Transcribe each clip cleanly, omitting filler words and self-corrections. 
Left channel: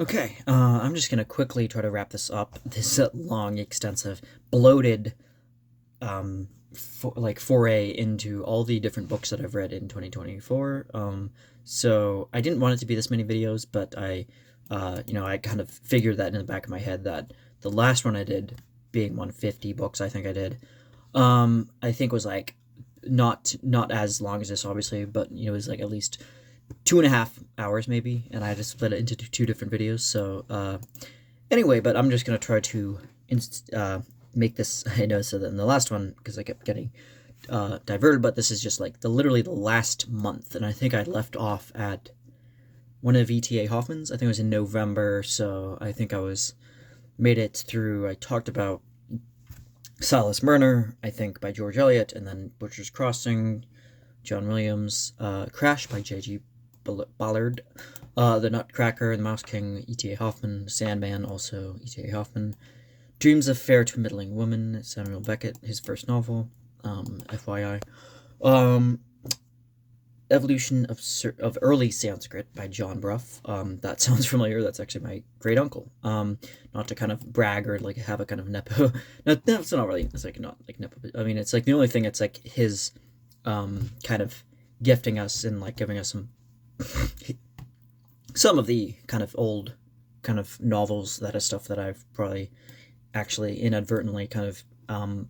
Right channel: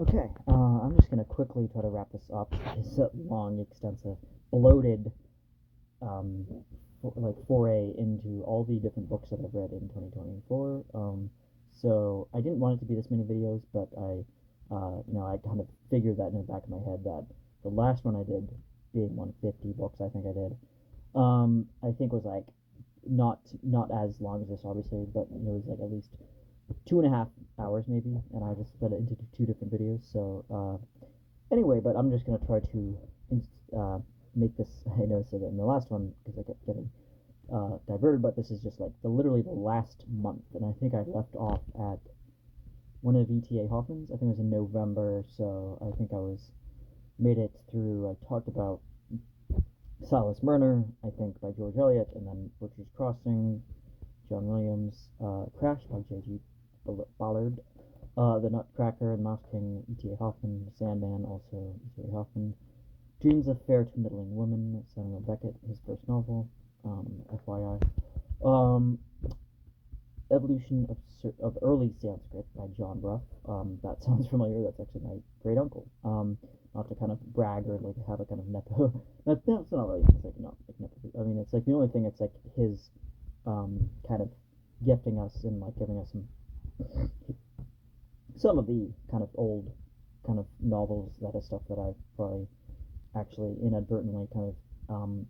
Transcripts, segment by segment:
Okay, I'm just gonna quickly try to wrap this up. This long, extensive, bloated, foray into all the different books that I've read in 2024. So I didn't want it to be this many videos, but I kind of figured that in the back of my head that the last one I did, being 150 books, I think I did, I think was like not as long as this, obviously, but it was like at least 2.5 hours maybe, and I just split it into two different videos. So anyway, but I'm just gonna try to make this. I know, so that in the last one, because I kept getting diverted, but this is just like literally the last month, and I think I left off at one of E.T.A. Hoffman's. I think it was in November, so I think I was made it through. I talked about Silas Marner, I think, by George Eliot, and then Butcher's Crossing, John Williams, Crash by J.G. Ballard, The Nutcracker, The Mouse King, E.T.A. Hoffman, Sandman, also E.T.A. Hoffman, Dreams of Fair to Middling Woman, Samuel Beckett, his first novel, FYI, um, Evolution of Early Sanskrit by John Brough. That sounds familiar. That's actually my great uncle. Not to kind of brag or like have a kind of nepo. No, it's not really. It's like not like nepo. I mean, it's like the only thing. It's like his kind of gifting us and like giving us some of the kind of old kind of novels, that is stuff that I've probably actually inadvertently kind of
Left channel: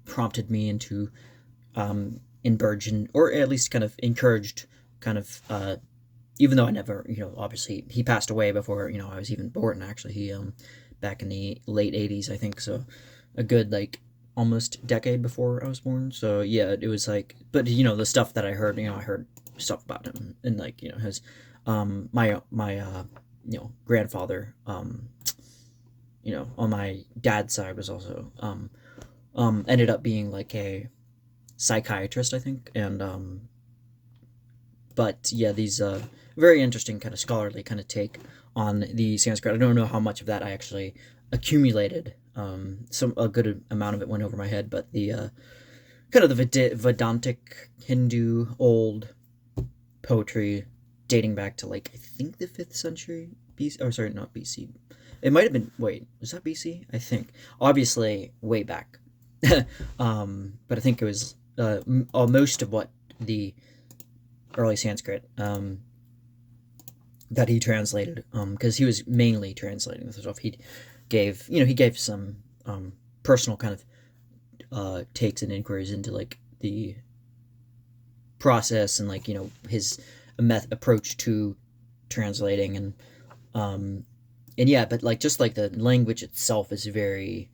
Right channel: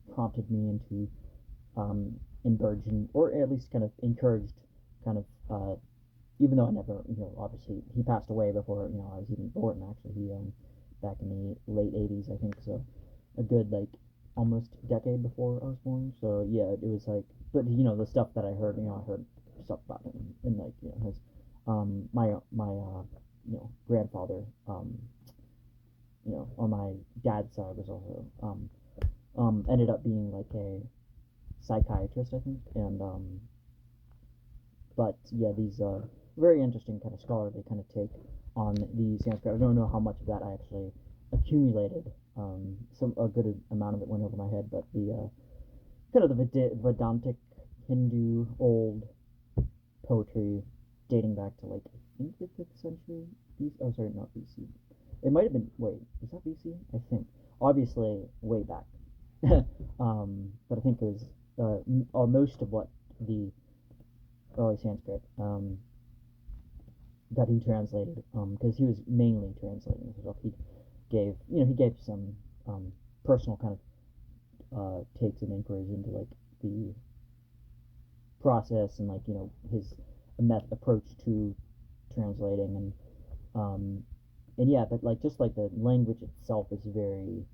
prompted me into in Burgeon, or at least kind of encouraged kind of even though I never, obviously he passed away before, I was even born. Actually, he back in the late 80s, I think, so a good like almost decade before I was born. So yeah, it was like, but the stuff that I heard, I heard stuff about him, and like his my grandfather, on my dad's side was also ended up being like a psychiatrist, I think, and but yeah, these very interesting kind of scholarly kind of take on the Sanskrit. I don't know how much of that I actually accumulated. Some a good amount of it went over my head, but the kind of the Vedantic Hindu old poetry dating back to like I think the 5th century BC. Oh, sorry, not BC. It might have been. Wait, was that BC? I think obviously way back. But I think it was most of what the early Sanskrit that he translated, because he was mainly translating the stuff. He gave some personal kind of takes and inquiries into like the process and like his approach to translating, and yeah, but like just like the language itself is very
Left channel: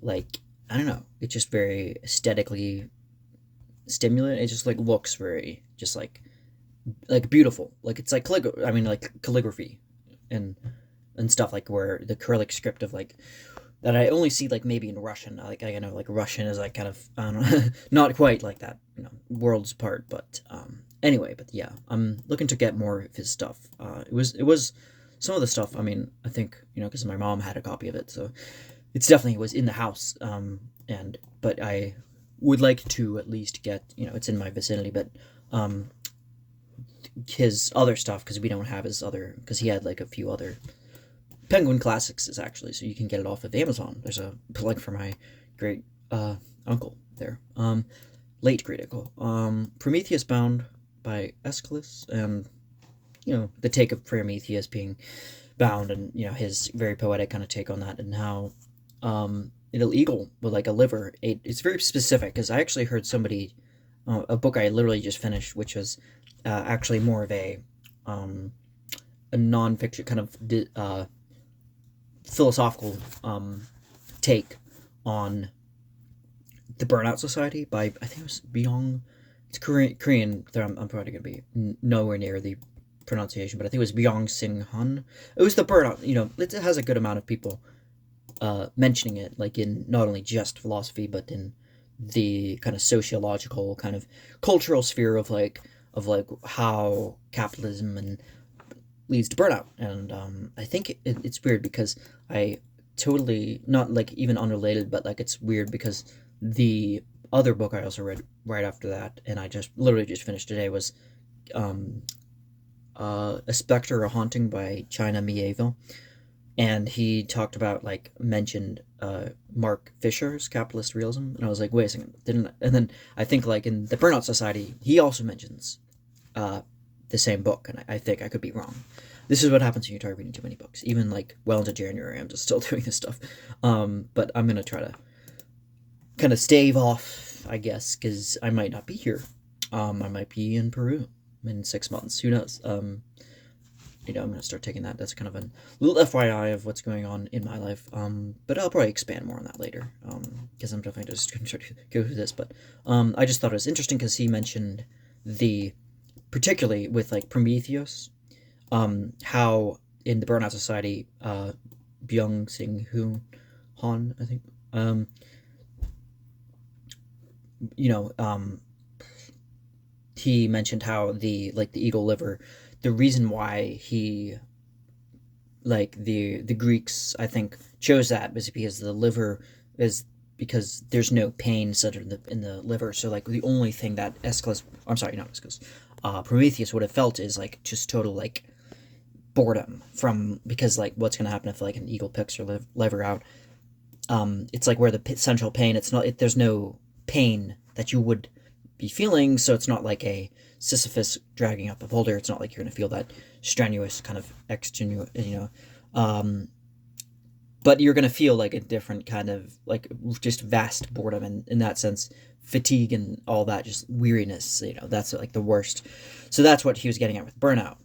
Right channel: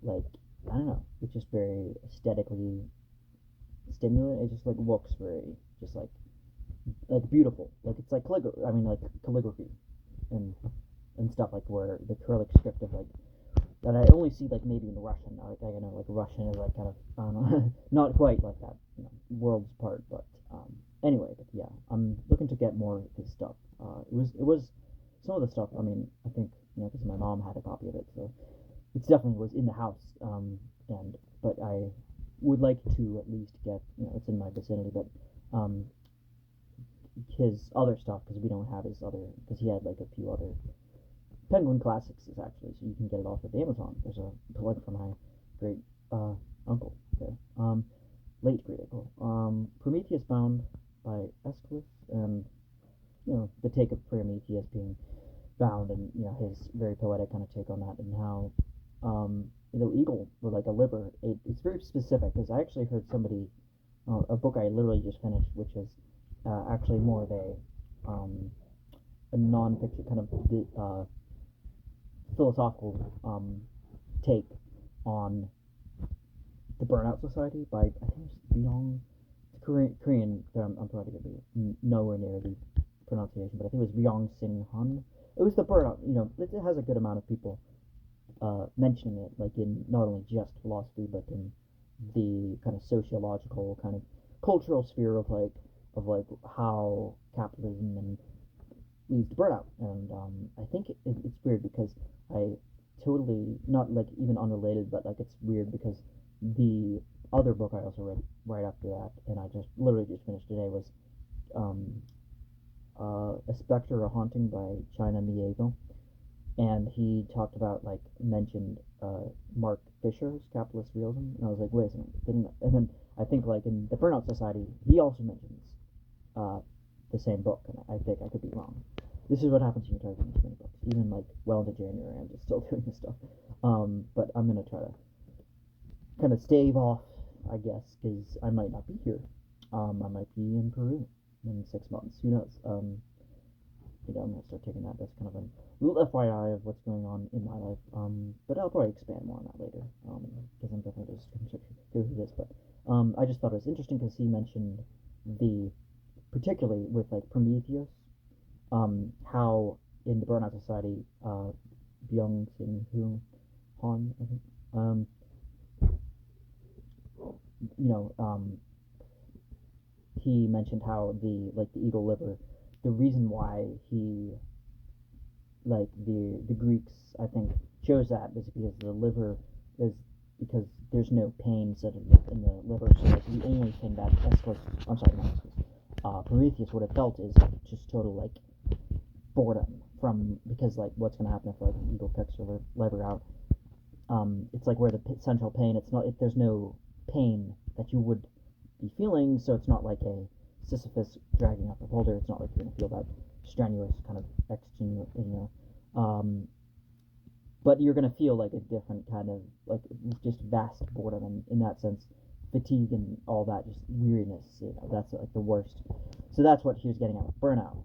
like I don't know, it's just very aesthetically stimulating. It just like looks very just like beautiful. Like it's like I mean like calligraphy and stuff, like where the Cyrillic script of like that I only see like maybe in Russian. Like I know like Russian is like kind of I don't know not quite like that, worlds apart. But anyway, but yeah, I'm looking to get more of his stuff. It was some of the stuff. I mean, I think because my mom had a copy of it, so it's definitely was in the house. And but I would like to at least get it's in my vicinity, but um his other stuff, because we don't have his other, because he had like a few other Penguin Classics is actually, so you can get it off of Amazon. There's a plug for my great uncle there. Late great uncle. Prometheus Bound by Aeschylus, and the take of Prometheus being bound, and his very poetic kind of take on that, and how an eagle with like a liver. It's very specific, because I actually heard somebody a book I literally just finished, which was actually more of a non-fiction kind of philosophical take on the Burnout Society by I think it was Byung. It's Korean. I'm probably gonna be nowhere near the pronunciation, but I think it was Byung Sing Han. It was the Burnout. It has a good amount of people mentioning it, like in not only just philosophy, but in the kind of sociological, kind of cultural sphere of like how capitalism and leads to burnout. And I think it's weird because I totally not like even unrelated, but like it's weird because the other book I also read right after that, and I just literally just finished today, was um, A Spectre, a Haunting by China Mieville. and he talked about like mentioned Mark Fisher's capitalist realism, and I was like, wait a second, didn't? And then I think like in the Burnout Society, he also mentions uh, the same book, and I think I could be wrong. This is what happens when you try reading too many books. Even like well into January, I'm just still doing this stuff. But I'm gonna try to kind of stave off, I guess, because I might not be here. I might be in Peru in 6 months. Who knows? I'm gonna start taking that. That's kind of a little FYI of what's going on in my life. But I'll probably expand more on that later. Because I'm definitely just gonna start to go through this. But I just thought it was interesting because he mentioned the particularly with like Prometheus, how in the Burnout Society, Byung Sing Hoon Han, I think, you know, he mentioned how the eagle liver, the reason why he like the Greeks I think chose that was because the liver is because there's no pain centered in the liver. So like the only thing that Aeschylus, I'm sorry, not Aeschylus, Prometheus would have felt is like just total like boredom from because like what's gonna happen if like an eagle picks your liver out. It's like where the central pain. It's not. There's no pain that you would be feeling, so it's not like a Sisyphus dragging up a boulder. It's not like you're gonna feel that strenuous kind of extenuous, but you're gonna feel like a different kind of like just vast boredom in that sense, fatigue and all that, just weariness. That's like the worst. So that's what he was getting at with burnout.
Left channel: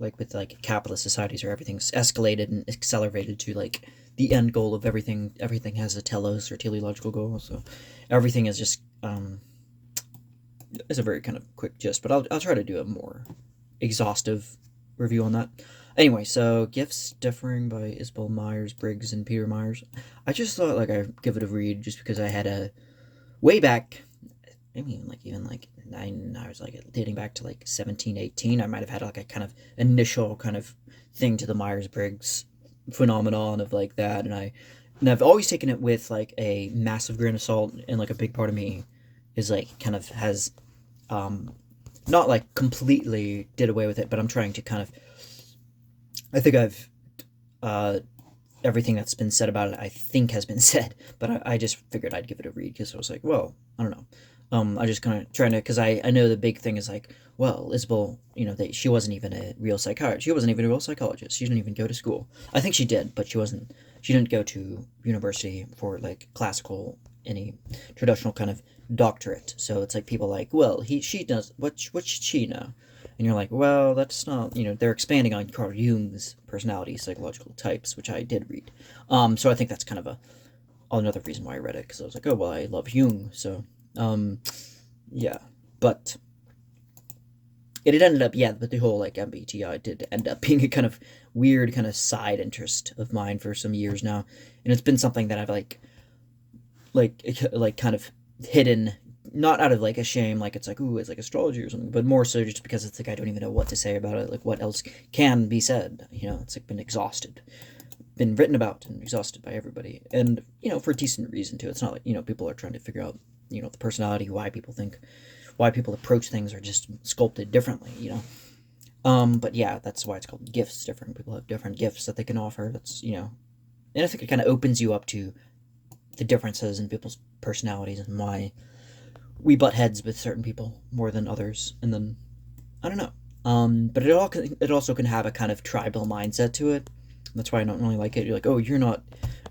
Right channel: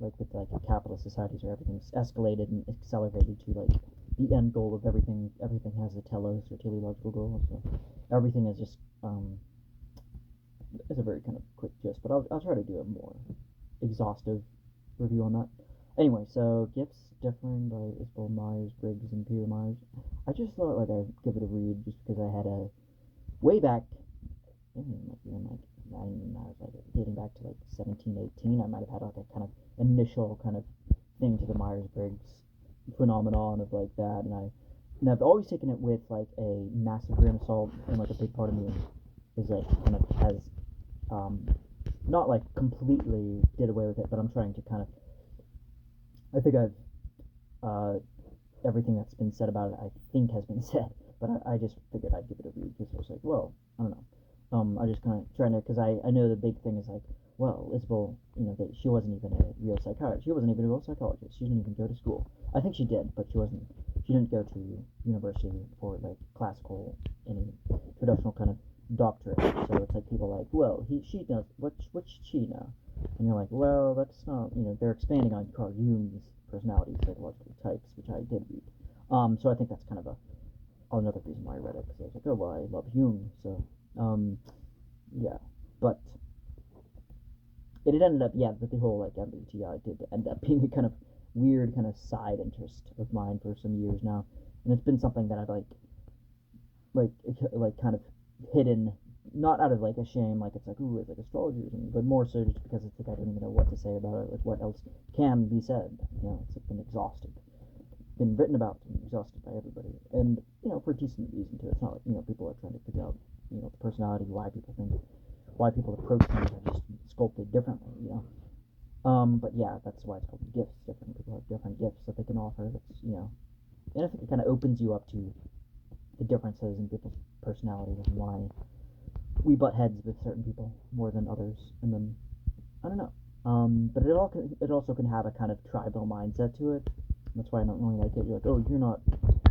Like with like capitalist societies where everything's escalated and accelerated to like the end goal of everything. Everything has a telos or teleological goal. So everything is just it's a very kind of quick gist, but I'll try to do a more exhaustive review on that. Anyway, so Gifts Differing by Isabel Myers Briggs and Peter Myers. I just thought like I'd give it a read just because I had a way back, maybe even like I was like dating back to like 17, 18. I might have had like a kind of initial kind of thing to the Myers Briggs phenomenon of like that, and I've always taken it with like a massive grain of salt, and like a big part of me is like kind of has not like completely did away with it, but I'm trying to kind of I think I've everything that's been said about it I think has been said, but I just figured I'd give it a read because I was like, well, I don't know. I just kind of trying to, because I know the big thing is like, well, Isabel, she wasn't even a real psychiatrist. She wasn't even a real psychologist. She didn't even go to school. I think she did, but she didn't go to university for like classical, any traditional kind of doctorate. So it's like people like, well, she does, what should she know? And you're like, well, that's not, they're expanding on Carl Jung's personality psychological types, which I did read. So I think that's kind of another reason why I read it, because I was like, oh, well, I love Jung, so yeah, but it had ended up, yeah, but the whole like MBTI did end up being a kind of weird kind of side interest of mine for some years now, and it's been something that I've like kind of hidden, not out of like a shame, like it's like, ooh, it's like astrology or something, but more so just because it's like I don't even know what to say about it, like what else can be said. It's like been written about and exhausted by everybody, and for a decent reason too. It's not like people are trying to figure out the personality, why people approach things are just sculpted differently. But yeah, that's why it's called Gifts Differing. People have different gifts that they can offer. That's and I think it kind of opens you up to the differences in people's personalities and why we butt heads with certain people more than others. And then I don't know. But it also can have a kind of tribal mindset to it. That's why I don't really like it. You're like, oh, you're not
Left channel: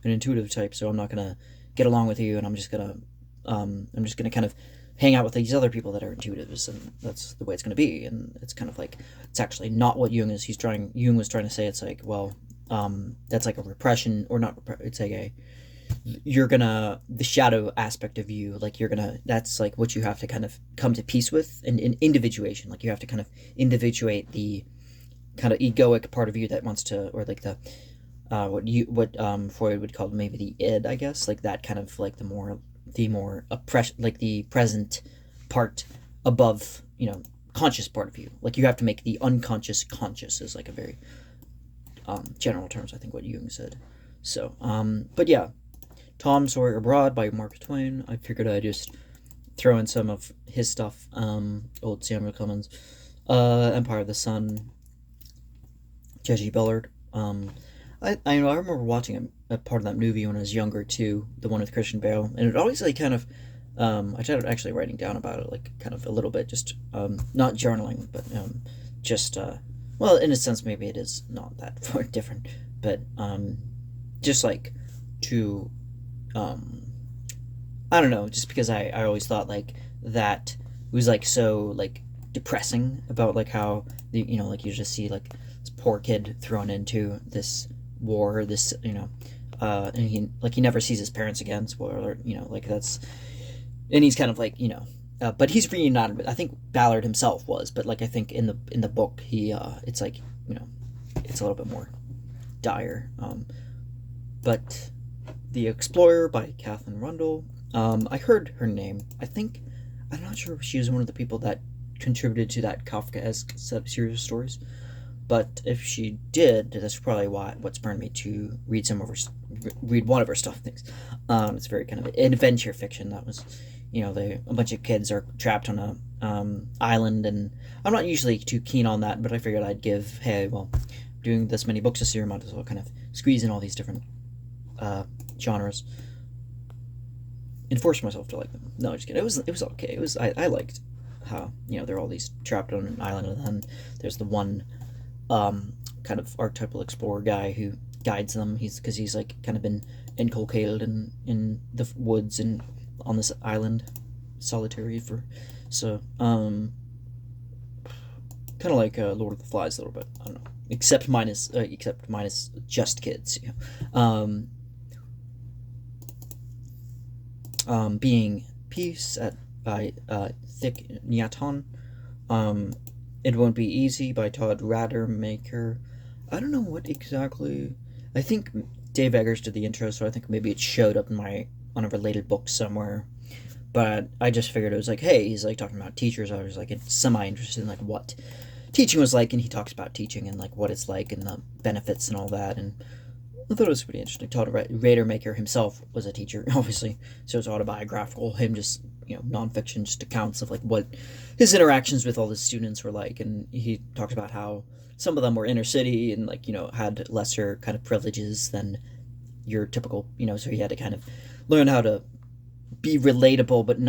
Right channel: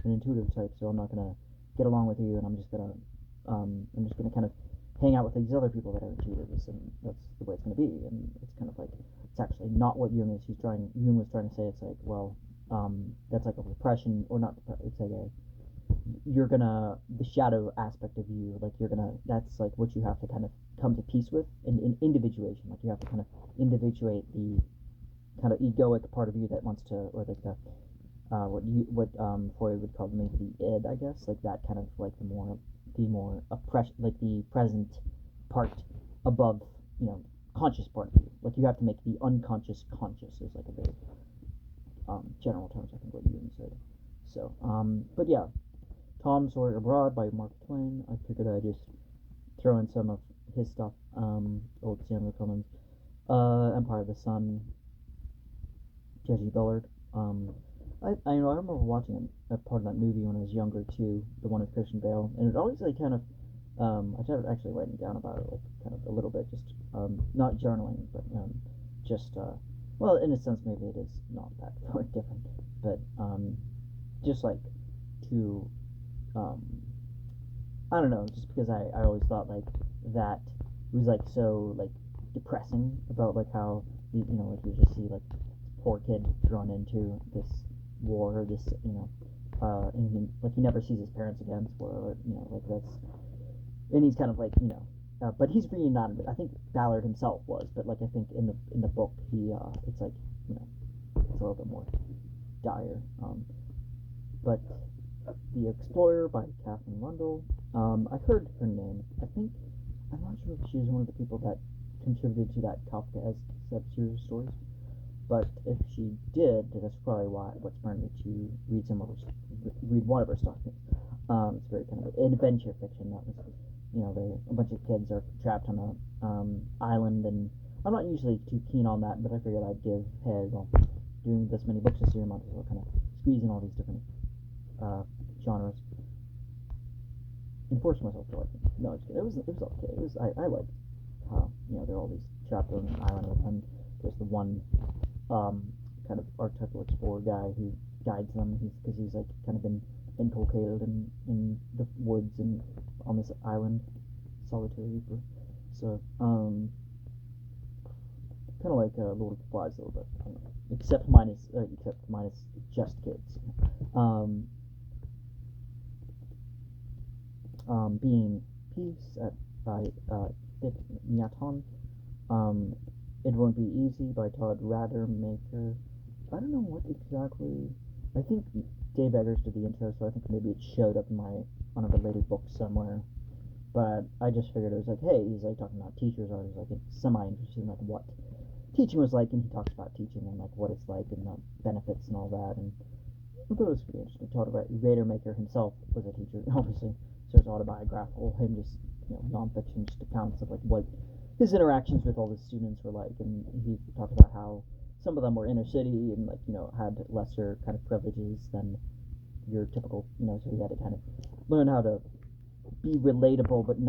an intuitive type, so I'm not gonna get along with you, and I'm just gonna kind of hang out with these other people that are intuitives, and that's the way it's gonna be. And it's kind of like it's actually not what Jung is. Jung was trying to say it's like, well, that's like a repression, or not. It's like the shadow aspect of you, like that's like what you have to kind of come to peace with, and in individuation, like you have to kind of individuate the kind of egoic part of you that wants to, or like the what Freud would call maybe the id, I guess, like that kind of like the more oppression, like the present part above conscious part of you. Like you have to make the unconscious conscious, is like a very general terms, I think, what Jung said. So but yeah, Tom Sawyer Abroad by Mark Twain. I figured I'd just throw in some of his stuff. Old Samuel Clemens, Empire of the Sun, J.G. Ballard. I know I remember watching a part of that movie when I was younger too, the one with Christian Bale, and it always like kind of I started actually writing down about it like kind of a little bit, just not journaling, but just well, in a sense maybe it is not that far different, but just like to um I don't know, just because I always thought like that was like so like depressing about like how like you just see like this poor kid thrown into this war, this and he never sees his parents again. Spoiler alert, like that's and he's kind of like but he's reunited with I think Ballard himself was, but like I think in the book he it's like it's a little bit more dire. But The Explorer by Catherine Rundle. I heard her name. I'm not sure if she was one of the people that contributed to that Kafkaesque series of stories, but if she did, that's probably what spurred me to read one of her stuff things. It's very kind of adventure fiction. That was, a bunch of kids are trapped on a island, and I'm not usually too keen on that, but I figured I'd hey, well, doing this many books this year, I might as well kind of squeeze in all these different genres and force myself to like them. No, just kidding. It was okay. I liked how they're all these trapped on an island, and then there's the one kind of archetypal explorer guy who guides them. He's like kind of been inculcated in the woods and on this island, solitary for so kind of like Lord of the Flies a little bit. I don't know, except minus just kids. Being Peace by Thich Nhat Hanh. It Won't Be Easy by Todd Radermaker. I don't know what exactly. I think Dave Eggers did the intro, so I think maybe it showed up on a related book somewhere. But I just figured it was like, hey, he's like talking about teachers. I was like semi interested in like what teaching was like, and he talks about teaching and like what it's like and the benefits and all that. And I thought it was pretty interesting. Todd Radermaker himself was a teacher, obviously, so it's autobiographical. Him just nonfiction, just accounts of like what his interactions with all the students were like, and he talks about how some of them were inner city and like had lesser kind of privileges than your typical so he had to kind of learn how to be relatable, but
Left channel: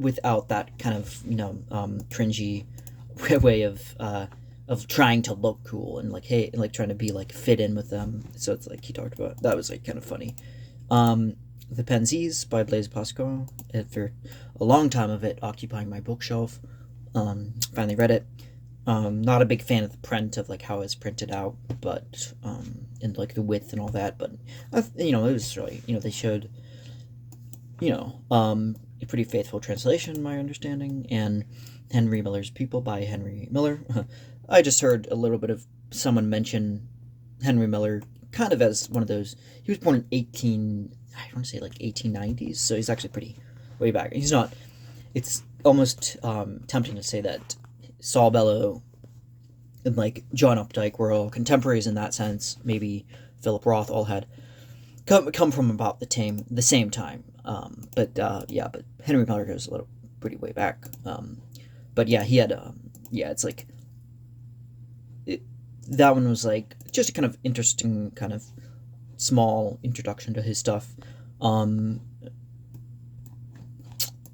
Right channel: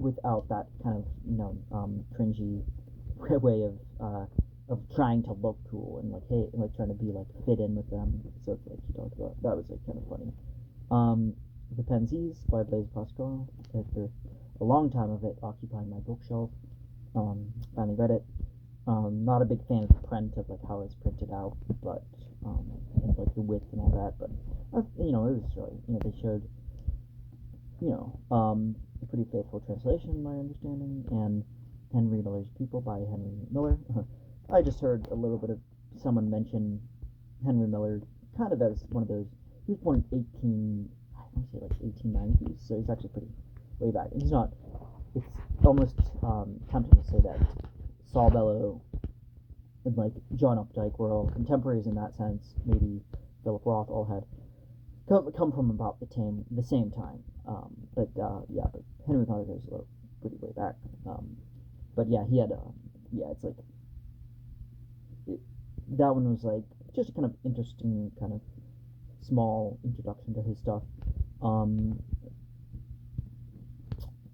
without that kind of cringy way of trying to look cool and like hey like trying to be like fit in with them. So it's like he talked about that was like kind of funny. The Pensies by Blaise Pascal. After a long time of it occupying my bookshelf, finally read it. Not a big fan of the print of like how it's printed out, but and like the width and all that. But it was really they showed a pretty faithful translation, my understanding, and Henry Miller's People by Henry Miller. I just heard a little bit of someone mention Henry Miller kind of as one of those. He was born in I want to say like 1890s, so he's actually pretty way back. He's not. It's almost tempting to say that Saul Bellow and like John Updike were all contemporaries in that sense. Maybe Philip Roth all had come from about the same time. But Henry Miller goes a little pretty way back. But yeah, he had it's like that one was like just a kind of interesting kind of small introduction to his stuff. And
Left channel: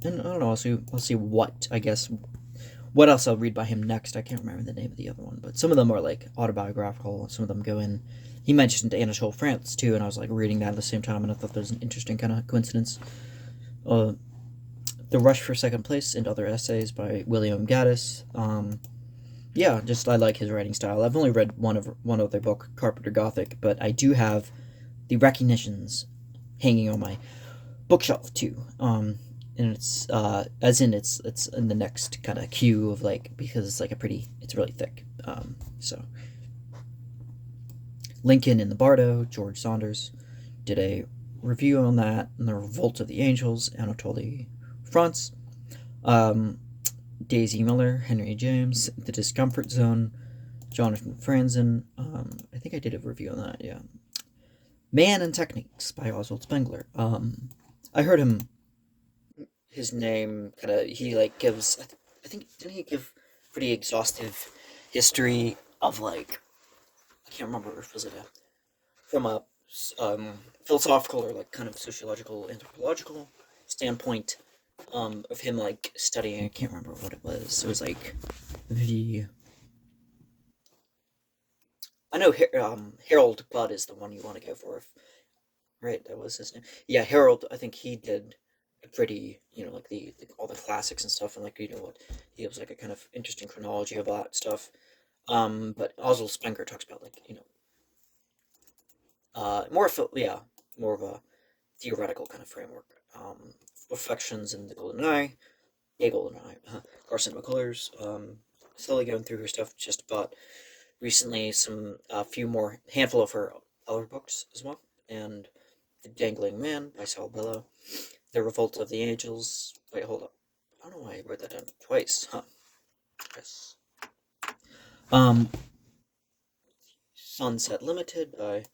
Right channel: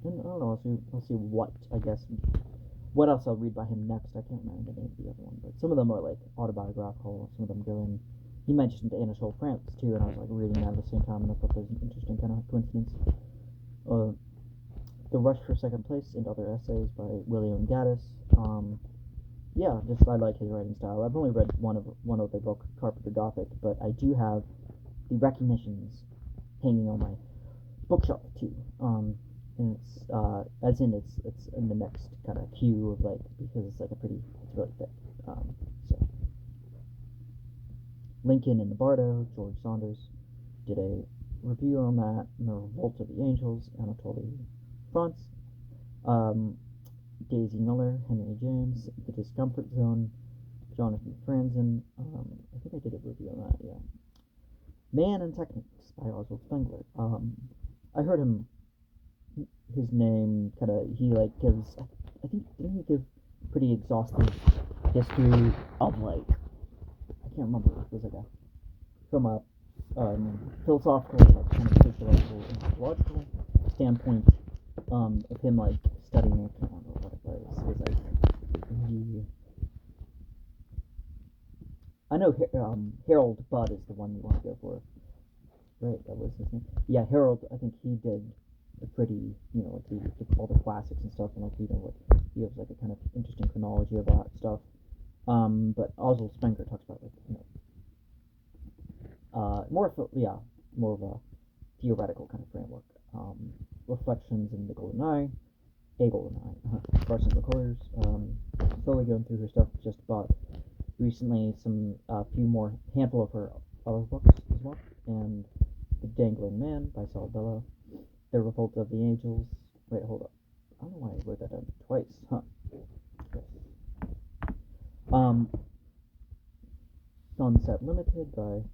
I don't know. I'll see what else I'll read by him next. I can't remember the name of the other one, but some of them are like autobiographical. Some of them go in. He mentioned Anatole France too, and I was like reading that at the same time, and I thought that was an interesting kind of coincidence. The Rush for Second Place and Other Essays by William Gaddis. Just I like his writing style. I've only read one of their book, Carpenter Gothic, but I do have the Recognitions hanging on my bookshelf too. And it's it's in the next kind of queue of like because it's like it's really thick. So Lincoln in the Bardo, George Saunders did a review on that, and The Revolt of the Angels, Anatole France. Daisy Miller, Henry James, The Discomfort Zone, Jonathan Franzen. I think I did a review on that, yeah. Man and Techniques by Oswald Spengler. I heard his name kind of, he like gives, I think, didn't he give pretty exhaustive history of like, I can't remember if it was like from a philosophical or like kind of sociological, anthropological standpoint, of him like studying. I can't remember what it was. It was like the I know Harold Budd is the one you want to go for. Right, that was his name. Yeah, Harold. I think he did a pretty, like all the classics and stuff, and like what he gives like a kind of interesting chronology of that stuff. But Oswald Spengler talks about like more of a theoretical kind of framework. Reflections in the Golden Eye, a Golden Eye, Carson McCullers. Slowly going through her stuff. Just about recently some few more handful of her other books as well, and The Dangling Man by Sal Bello, The Revolt of the Angels. Wait, hold up. I don't know why I wrote that down twice. Huh. Yes. Um, Sunset Limited by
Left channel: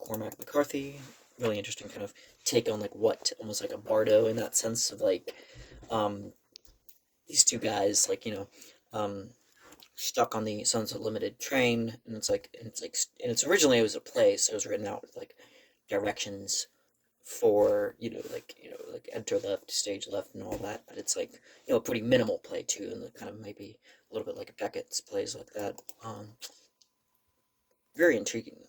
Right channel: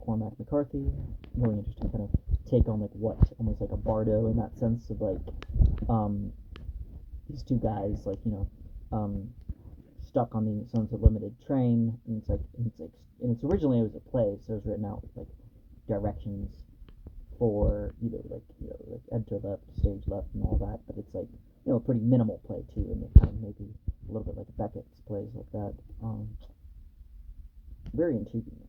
Cormac McCarthy. Really interesting kind of take on like what almost like a Bardo in that sense of like um, these two guys like stuck on the Sunset Limited train, and it's originally it was a play, so it was written out with like directions for like enter left, stage left, and all that. But it's like a pretty minimal play too, and kind of maybe a little bit like Beckett's plays like that. Very intriguing.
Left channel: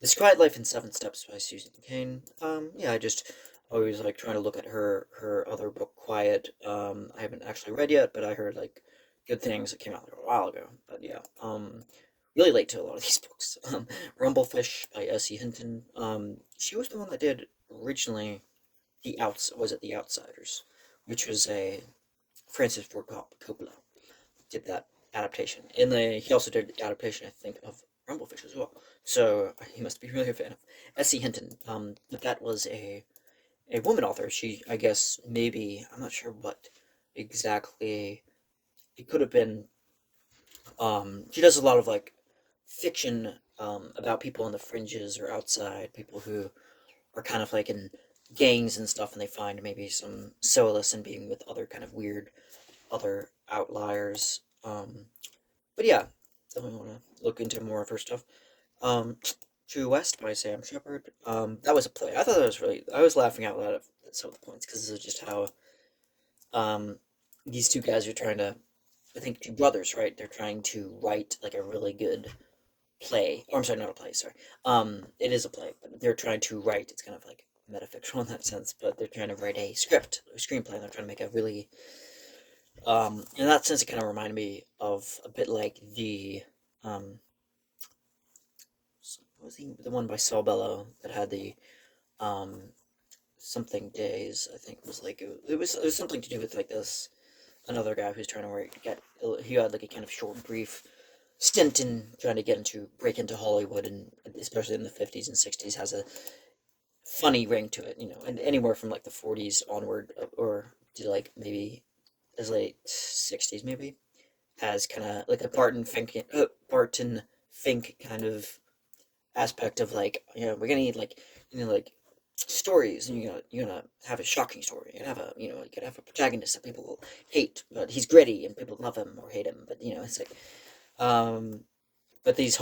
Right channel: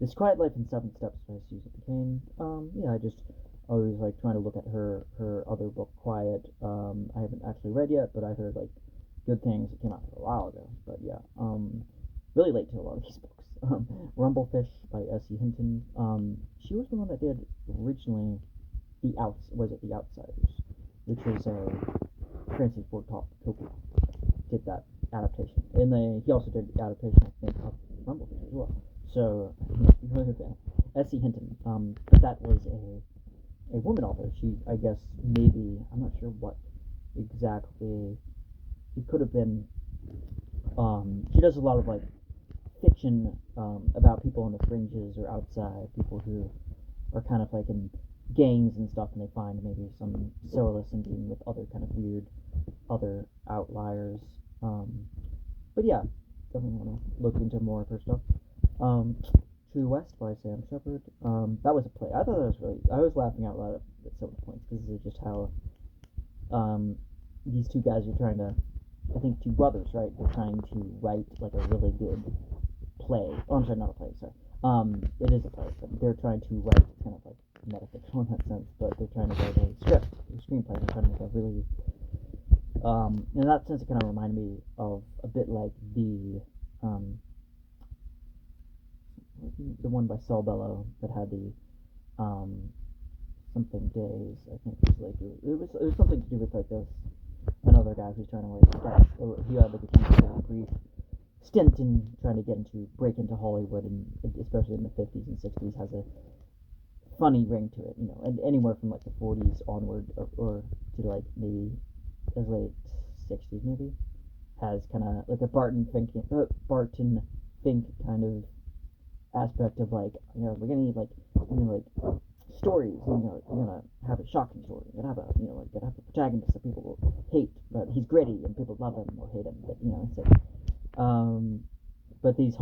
This Quiet Life in Seven Steps by Susan Cain. Yeah, I just always like trying to look at her other book, Quiet. I haven't actually read yet, but I heard like good things. It came out a while ago, but yeah. Really late to a lot of these books. Rumblefish by S.E. Hinton. She was the one that did originally The Outsiders, which was a Francis Ford Coppola did that adaptation. He also did the adaptation, I think, of Rumblefish as well. So he must be really a fan of S.E. Hinton. But that was a woman author. She, I guess, maybe I'm not sure what exactly it could have been. She does a lot of like fiction about people on the fringes or outside, people who are kind of like in gangs and stuff, and they find maybe some solace in being with other kind of weird other outliers. But yeah, definitely want to look into more of her stuff. Um, True West by Sam Shepard. That was a play. I thought that was really. I was laughing out loud at some of the points because this is just how these two guys are trying to. I think two brothers, right? They're trying to write like a really good play. Or I'm sorry, not a play. Sorry. It is a play, but they're trying to write. It's kind of like metafictional in that sense, but they're trying to write a script, a screenplay. They're trying to make a really in that sense, it kind of reminded me of a bit like the what was the one by Saul Bellow that had the um, something days. I think it was like it was something to do with like this another guy who's trying to he had like a kind of short brief stint in trying to break into Hollywood, and especially in the 50s and 60s has a funny ring to it, and anywhere from like the 40s onward, or to like maybe as late 60s maybe, has kind of like a Barton Fink kind of aspect of like, we're gonna need like like stories, and you're gonna have a shocking story. You're gonna have you gotta have a protagonist that people will hate, but he's gritty and people love him or hate him. But it's like um but this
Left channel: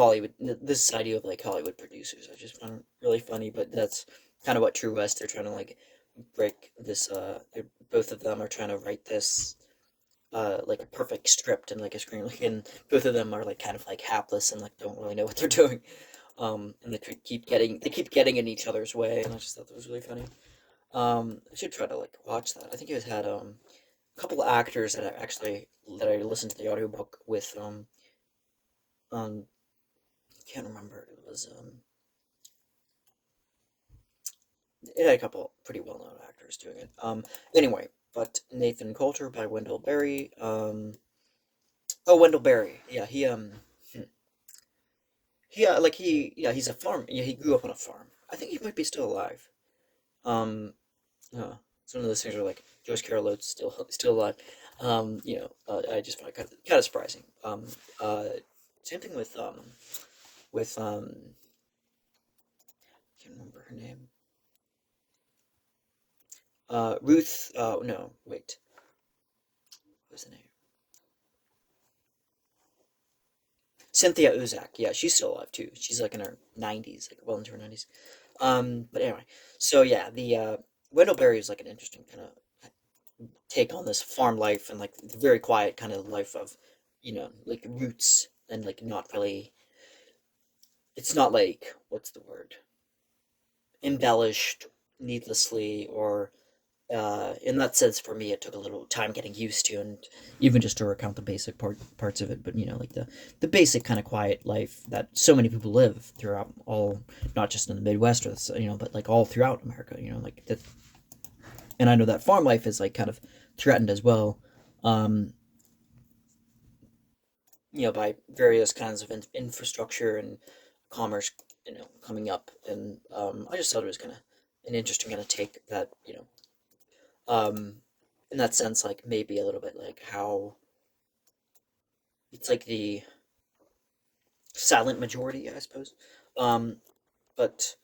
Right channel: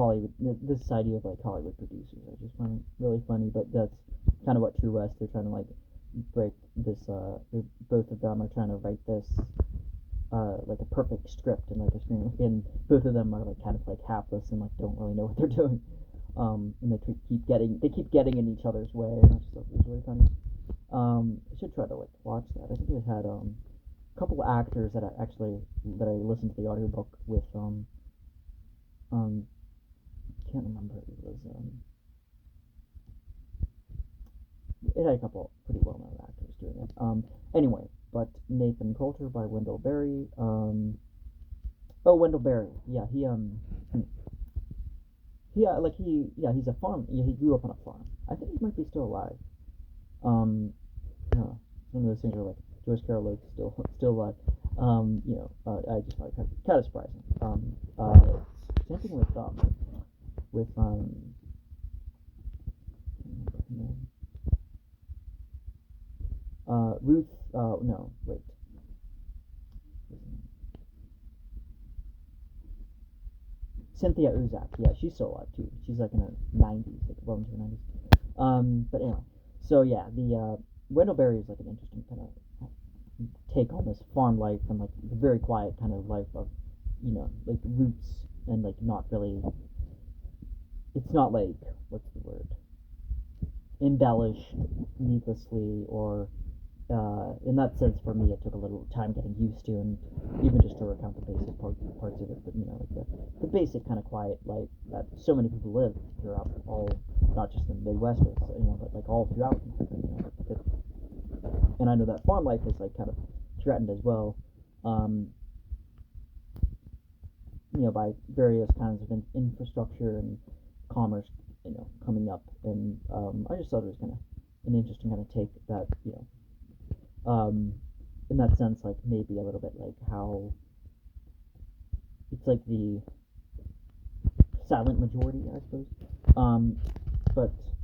idea of like Hollywood producers, I just find really funny. But that's kind of what True West, they're trying to like break this. Both of them are trying to write this like a perfect script and like a screen, like, and both of them are like kind of like hapless and like don't really know what they're doing. And they keep getting in each other's way, and I just thought that was really funny. I should try to like watch that. I think it had a couple of actors that I listened to the audiobook with. Um, can't remember. It had a couple pretty well known actors doing it. Anyway, but Nathan Coulter by Wendell Berry. Wendell Berry. Yeah, he's a farm. Yeah, he grew up on a farm. I think he might be still alive. Yeah, it's one of those things where like Joyce Carol Oates still alive. I just find it kind of surprising. Same thing with I can't remember her name. Ruth. No, wait. What's the name? Cynthia Uzak. Yeah, she's still alive too. She's like in her 90s, like well into her 90s. But anyway, so yeah, the Wendell Berry is like an interesting kind of take on this farm life and like the very quiet kind of life of, like roots and like not really. It's not like what's the word, embellished needlessly or in that sense, for me, it took a little time getting used to, and even just to recount the basic parts of it. But like the basic kind of quiet life that so many people live throughout all, not just in the Midwest, or but like all throughout America. Like that, and I know that farm life is like kind of threatened as well, um, by various kinds of infrastructure and commerce, coming up, and I just thought it was kind of an interesting kind of take that um, in that sense, like maybe a little bit like how it's like the silent majority, I suppose. Um, but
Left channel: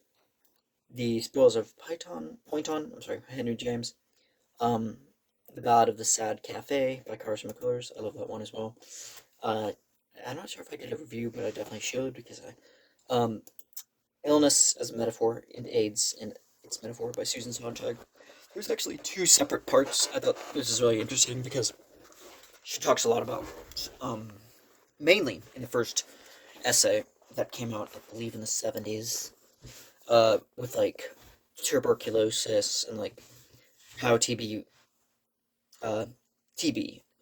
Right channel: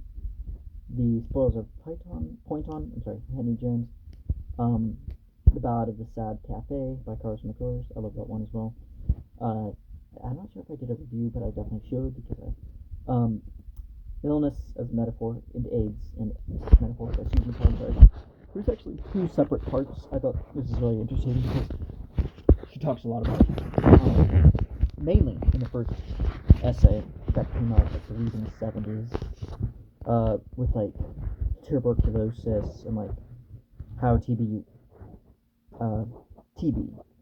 the Spoils of Poynton, I'm sorry, Henry James. Um, the Ballad of the Sad Cafe by Carson McCullers. I love that one as well. Uh, I'm not sure if I did a review, but I definitely should because Illness as a Metaphor and AIDS and its Metaphor by Susan Sontag. There's actually two separate parts. I thought this is really interesting because she talks a lot about, mainly in the first essay that came out, I believe, in the 70s, with like tuberculosis and like how TB,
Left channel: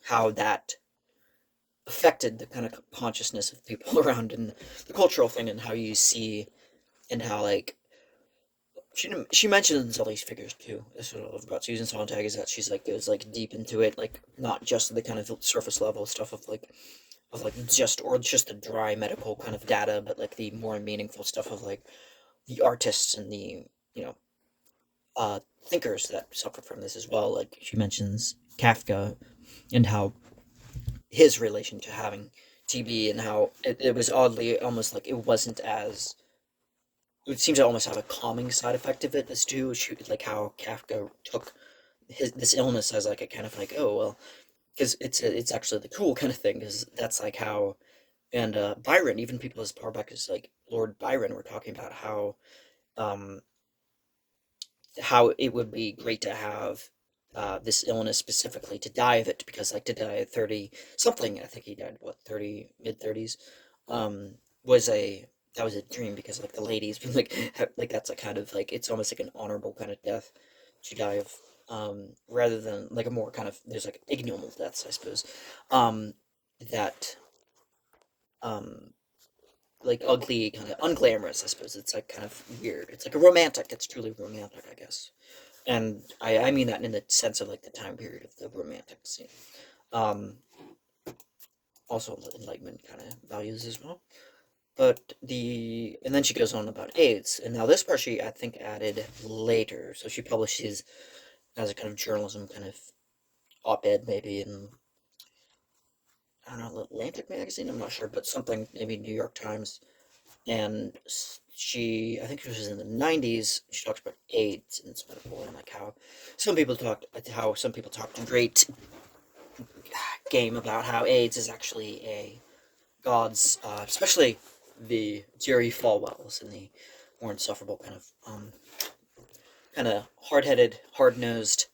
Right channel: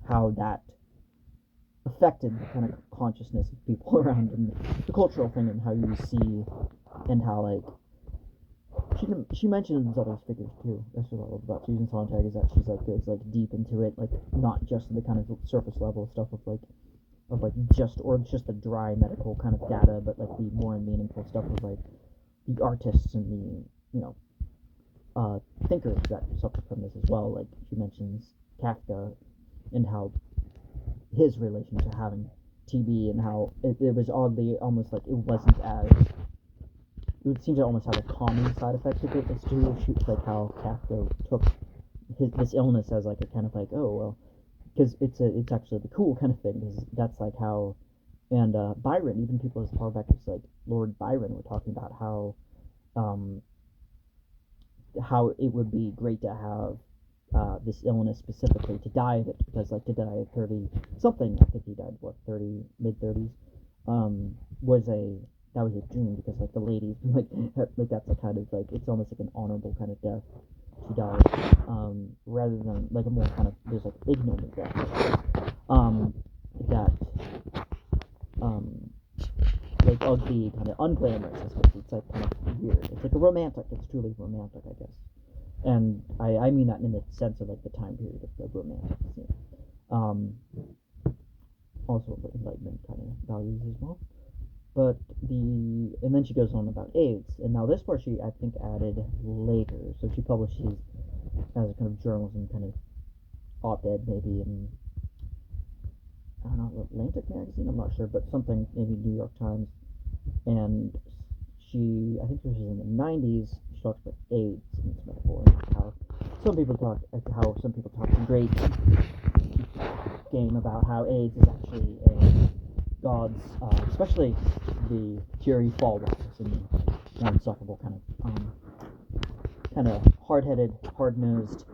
how that affected the kind of consciousness of people around and the cultural thing and how you see and how like she mentions all these figures too. That's what I love about Susan Sontag is that she's like goes like deep into it, like not just the kind of surface level stuff of just the dry medical kind of data, but like the more meaningful stuff of like the artists and the thinkers that suffered from this as well. Like she mentions Kafka and how his relation to having TB and how it was oddly almost like it wasn't as it seems to almost have a calming side effect of it as too, like how Kafka took this illness as like a kind of like, oh well, because it's actually the cool kind of thing, because that's like how, and Byron, even people as far back as like Lord Byron were talking about um how it would be great to have this illness specifically, to die of it, because like to die at 30 something, I think he died mid 30s, was a that was a dream, because like the ladies like that's a kind of like it's almost like an honorable kind of death to die of, rather than like a more kind of there's like ignoble deaths, I suppose, that like ugly, kind of unglamorous, I suppose. It's like kind of weird. It's like a romantic. It's truly romantic, I guess. And I mean that in the sense of like the time period of the romantics. Also Enlightenment kind of values as well. But and then she goes on about AIDS, and now this part she I think added later. So she publishes as a kind of journalism kind of op-ed maybe in, I don't know, Atlantic magazine, I'm not sure, but something, maybe New York Times. And I think she was in the 90s, she talks about AIDS and its metaphor, and like how some people talked a great game about how AIDS is actually a god's, especially the Jerry Falwells and the more insufferable kind of hard-headed, hard-nosed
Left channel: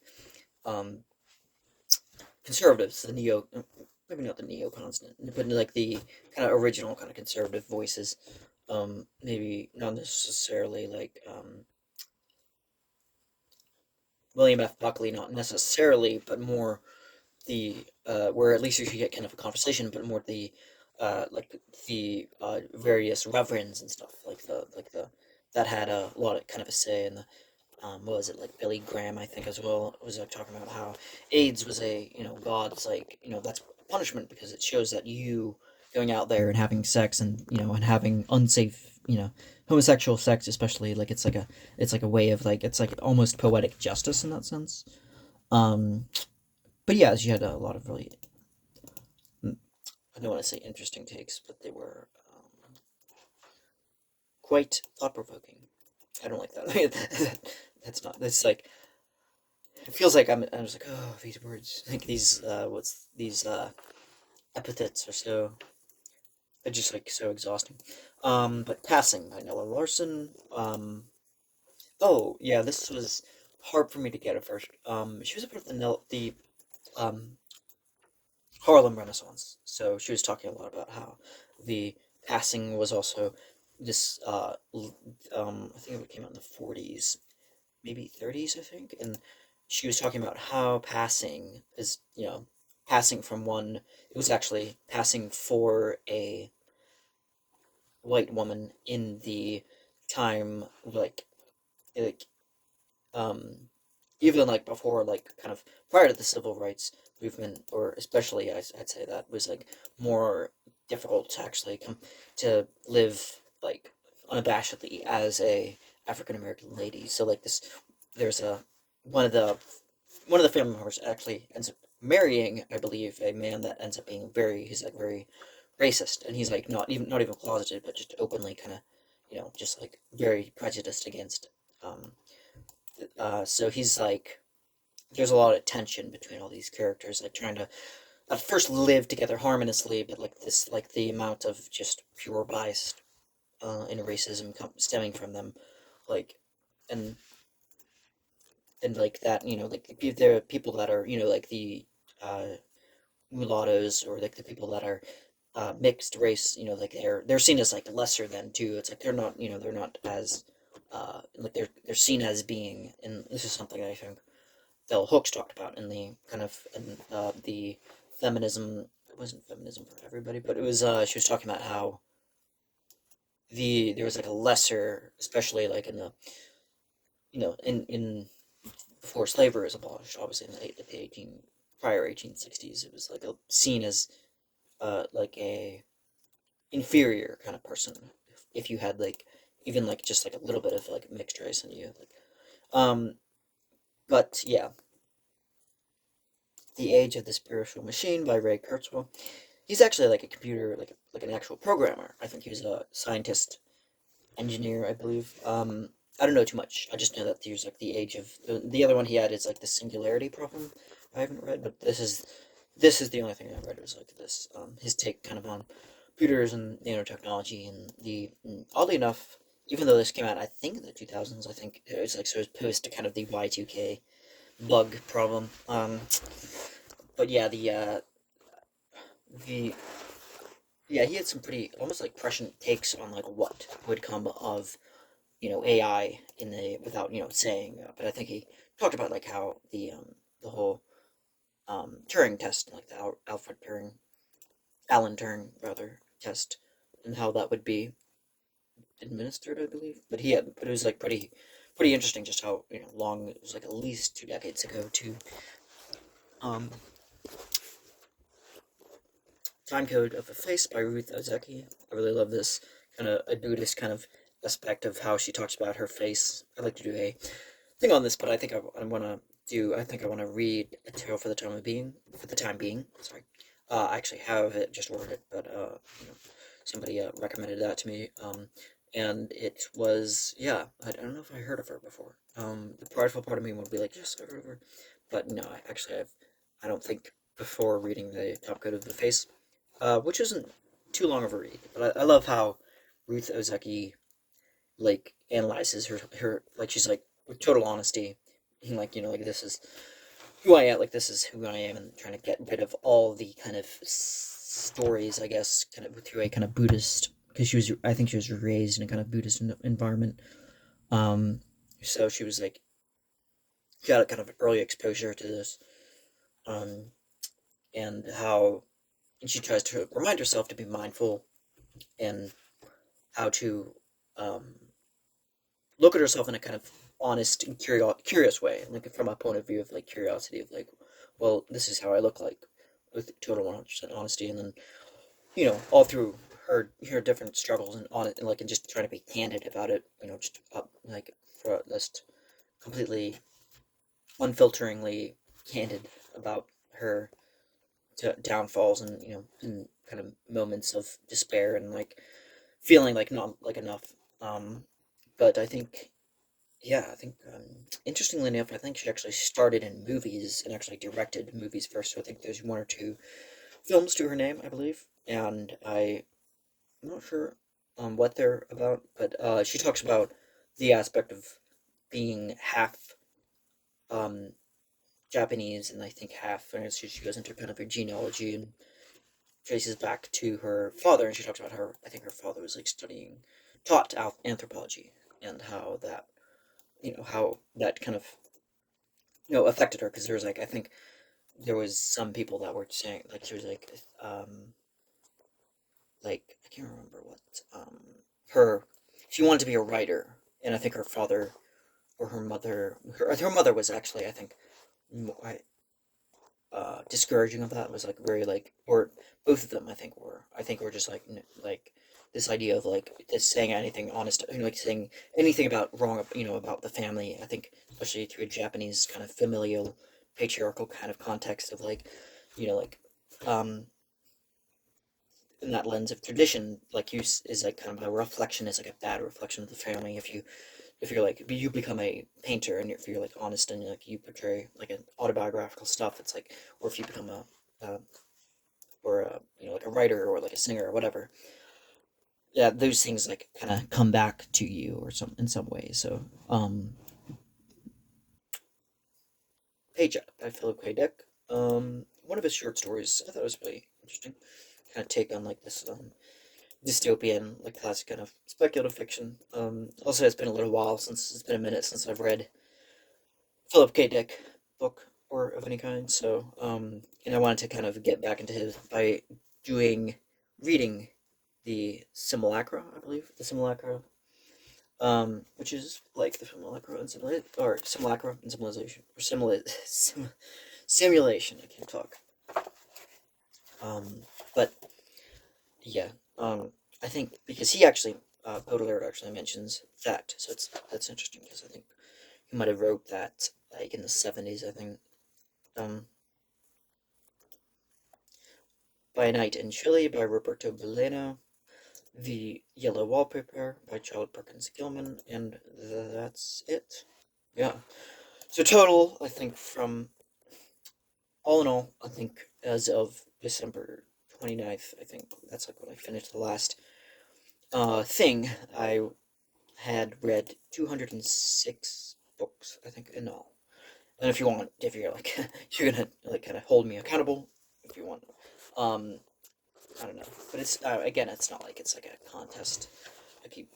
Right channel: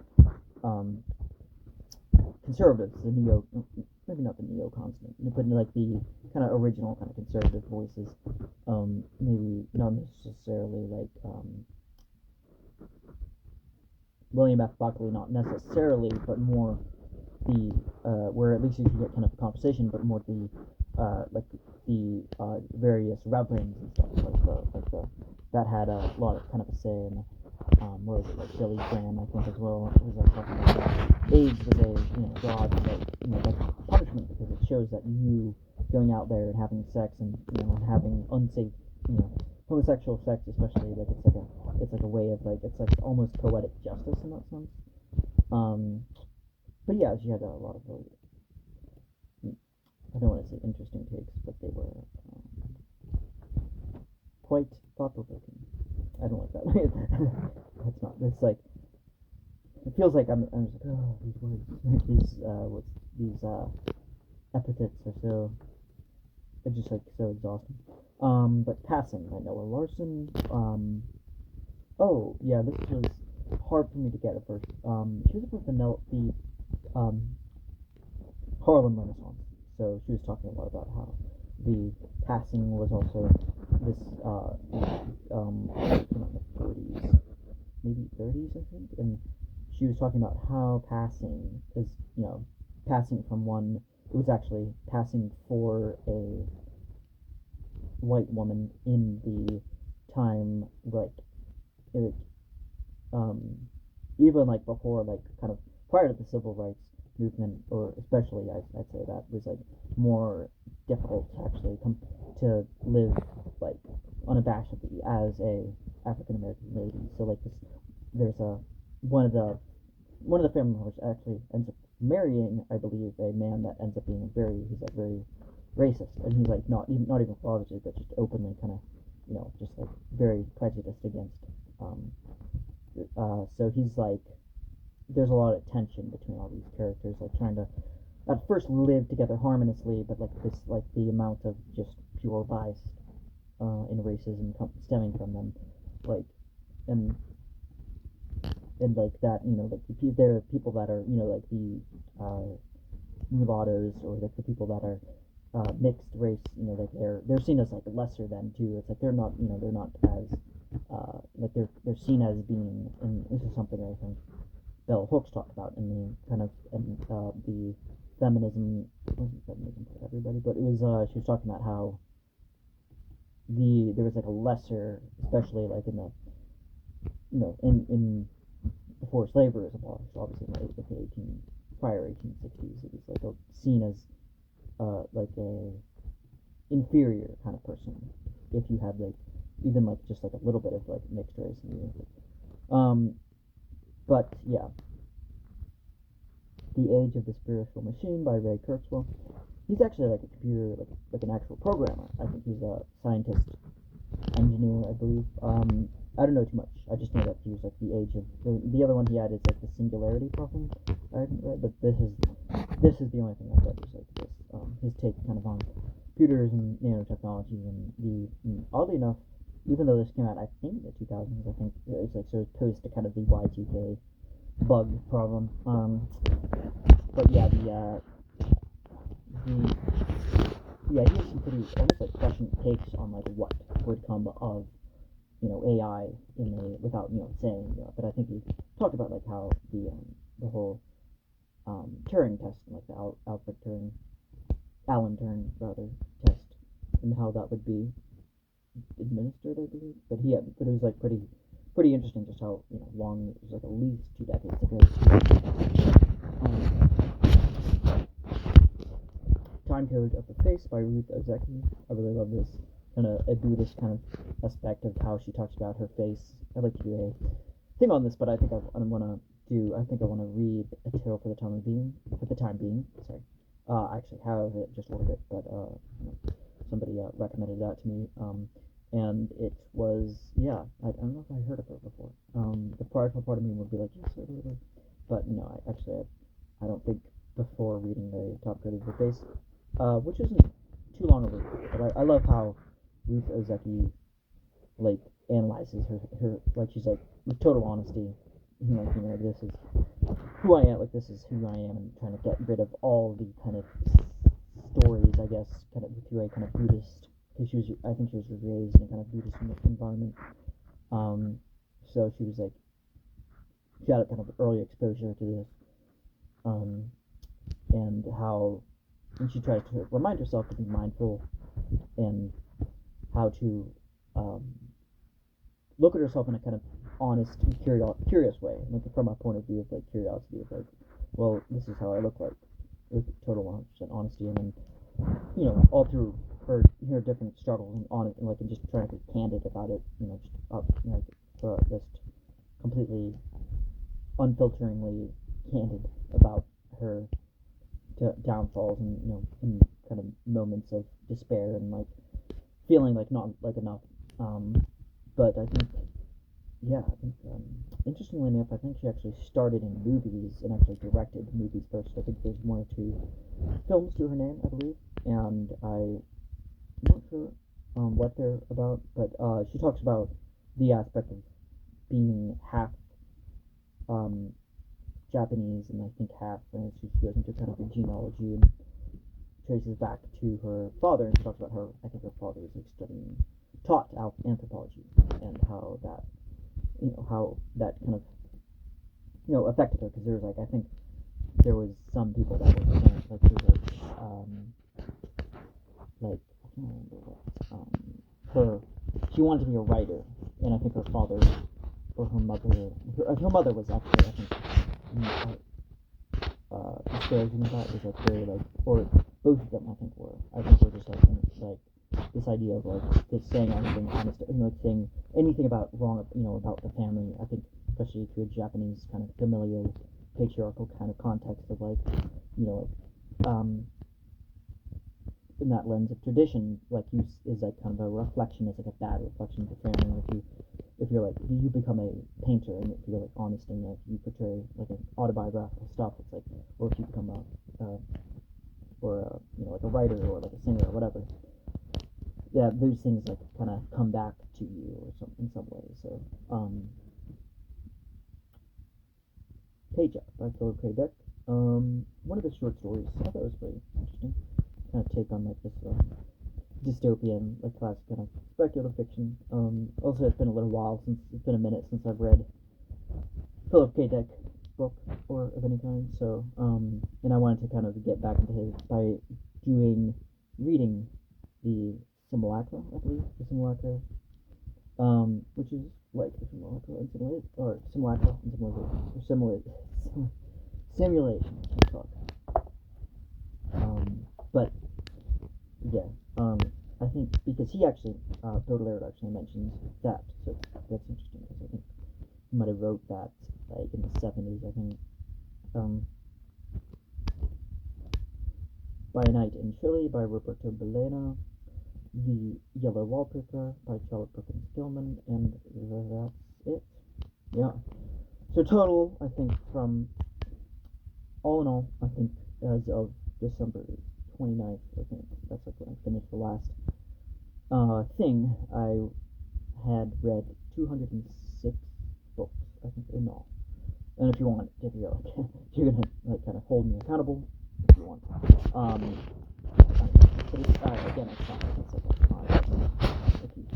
conservatives, maybe not the neocons, but like the kind of original kind of conservative voices, maybe not necessarily like William F. Buckley, not necessarily, but more the where at least you should get kind of a conversation, but more the like the various reverends and stuff, like the that had a lot of kind of a say in the what was it, like Billy Graham, I think, as well, was like talking about how AIDS was a God's, like, that's punishment, because it shows that you going out there and having sex and and having unsafe homosexual sex, especially, like it's like a way of like, it's like almost poetic justice in that sense. But yeah, she had a lot of really, I don't want to say interesting takes, but they were quite thought-provoking. I don't like that. That's like, it feels like I'm just like, oh, these words, like these epithets are so It's just like so exhausting. But Passing by Nella Larson. Oh yeah, this was hard for me to get at first. She was a part of the um Harlem Renaissance. So she was talking a lot about how the passing was also this I think it came out in the 40s, maybe 30s, I think, and she was talking about how passing is, passing from one, it was actually passing for a white woman in the time, like um even like before, like kind of prior to the civil rights movement, or especially I'd say that was like more difficult to actually come to live like unabashedly as a African American lady. So like this, there's a one of the one of the family members actually ends up marrying, I believe, a man that ends up being he's like very racist, and he's like not even closeted, but just openly kind of, just like very prejudiced against. Um, so he's like, there's a lot of tension between all these characters, like trying to at first live together harmoniously, but like this, like the amount of just pure bias and racism stemming from them, like, and like that, like there are people that are, like the uh, mulattoes, or like the people that are mixed race, like they're seen as like lesser than too. It's like they're not as like they're seen as being, and this is something I think Bell Hooks talked about in the kind of in the feminism. It wasn't feminism for everybody, but it was she was talking about how there was like a lesser, especially like in the, in before slavery was abolished, obviously in the 1860s, it was like seen as like a inferior kind of person if you had like even like just like a little bit of like mixed race in you, like, um but yeah, The Age of the Spiritual Machine by Ray Kurzweil. He's actually like a computer, like an actual programmer. I think he was a scientist, engineer, I believe. I don't know too much. I just know that there's like the age of the other one he had is like the singularity problem. I haven't read, but this is the only thing I've read was like this. His take kind of on computers and nanotechnology, and oddly enough, even though this came out I think in the 2000s, I think it's like, so it was post to kind of the Y2K bug problem. But yeah, the yeah, he had some pretty almost like prescient takes on like what would come of, AI in the without, saying. But I think he talked about like how the whole Turing test, like the Alfred Turing, Alan Turing rather test, and how that would be administered, I believe. But it was like pretty interesting just how, long it was, like at least 2 decades ago to um, Time Code of a Face by Ruth Ozeki. I really love this kind of a Buddhist kind of aspect of how she talks about her face. I'd like to do a thing on this, but I think I want to read a tale for the time being. For the time being, sorry. I actually have it, just ordered it, but somebody recommended that to me. And it was, yeah, I don't know if I heard of her before. The prideful part of me would be like, yes, I've heard of her, but no, I don't think before reading the Top Coat of the Face, which isn't too long of a read, but I love how Ruth Ozeki like analyzes her, like she's like with total honesty, like, like this is who I am, like this is who I am, and trying to get rid of all the kind of stories, I guess, kind of through a kind of Buddhist, because I think she was raised in a kind of Buddhist environment. Um, so she was like, she had a kind of early exposure to this, um, and she tries to remind herself to be mindful, and how to um, look at herself in a kind of honest and curious way, like from a point of view of like curiosity of like, well, this is how I look like, with total 100% honesty, and then, all through her different struggles and on it, and like, and just trying to be candid about it, just up like for just completely unfilteringly candid about her downfalls, and, and kind of moments of despair, and like feeling like not like enough. But I think, yeah, I think, interestingly enough, I think she actually started in movies and actually directed movies first. So I think there's one or two films to her name, I believe. And I I'm not sure what they're about, but she talks about the aspect of being half um, Japanese and I think half, and she goes into kind of her genealogy and traces back to her father, and she talks about her. I think her father was like taught anthropology, and how that, how that kind of, affected her, because there was like, I think there was some people that were saying like she was like I can't remember what her she wanted to be a writer, and I think her father or her mother was actually, I think, discouraging of that, was like very like, or both of them I think were just like this idea of like this saying anything honest, like saying anything about wrong, about the family. I think especially through a Japanese kind of familial patriarchal kind of context of like, like um in that lens of tradition, like use is like kind of a reflection, is like a bad reflection of the family. If you're like, you become a painter, and if you're like honest and like you portray like an autobiographical stuff, it's like, or if you become like a writer or like a singer or whatever, yeah, those things like kind of come back to you or some in some way. So Paycheck by Philip K. Dick. One of his short stories I thought was really interesting, kind of take on like this dystopian, like classic kind of speculative fiction. Also, it's been a little while since it's been a minute since I've read Philip K. Dick book or of any kind. So, and I wanted to kind of get back into his by reading the Simulacra, I believe, the Simulacra, which is like the Simulacra and Simulacra and Civilization, or Simulation. I can't talk. But yeah, I think because he actually, Baudelaire actually mentions that, so that's interesting, because I think he might have wrote that like in the 70s, I think. Um, By Night in Chile by Roberto Bolaño, The Yellow Wallpaper by Charlotte Perkins Gilman, and that's it. Yeah. So total, I think from all in all, I think as of December 29th, I think that's like when I finished the last thing, I had read 206 books, I think, in all. And if you're like, you're gonna like kind of hold me accountable, if you want. I don't know, but it's again, it's not like it's like a contest. I keep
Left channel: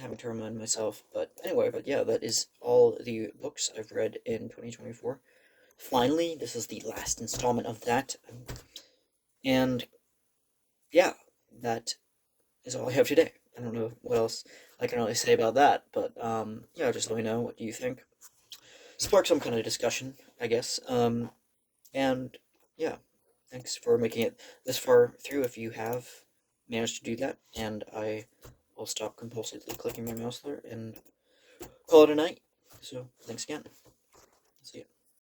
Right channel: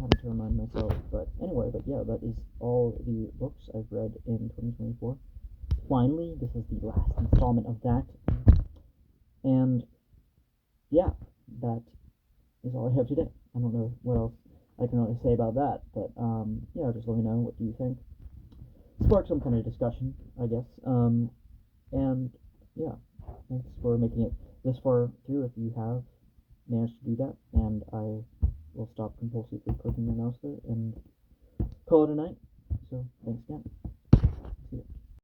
having to remind myself, but anyway, but yeah, that is all the books I've read in 2024. Finally, this is the last installment of that, and yeah, that is all I have today. I don't know what else I can really say about that, but yeah, just let me know, what do you think. Spark some kind of discussion, I guess. And yeah, thanks for making it this far through, if you have managed to do that, and I will stop compulsively clicking my mouse there and call it a night. So thanks again. See ya.